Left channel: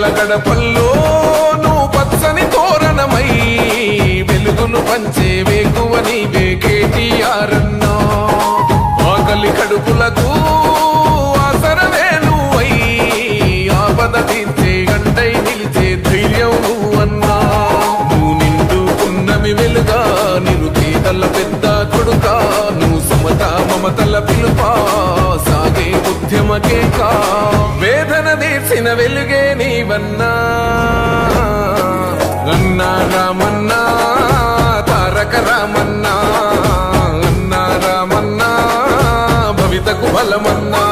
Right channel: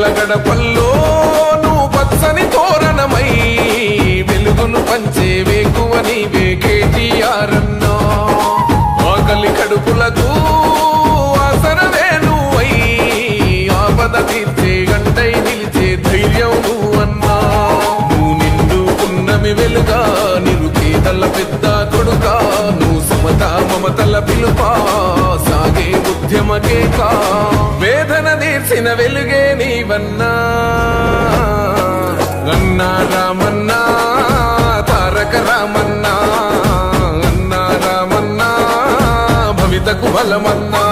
పేదల గడపల్లో నువ్వు పచ్చని తోరణమై వెలుగును పంచే వేకువ నీవే కేటీఆర్ అన్నా. ఆకలి కడుపులకు ఆసరవే నువ్వై ఆపద తీర్చే గంటై నిలిచే ధైర్యం నువ్వన్నా. నువ్వు నిండుకున్నమి వెలుగా నిరుపేదల పెద్ద కొడుకా, నువ్వు సమత మమతల పిలుపా సాగే ఉద్యమ కేకా. వేదన తీర్చిన వెలుగే నీవన్నా. అన్నా రామన్నా తారక రామన్నా, అన్నా రామన్నా భవితకు బలమన్నా.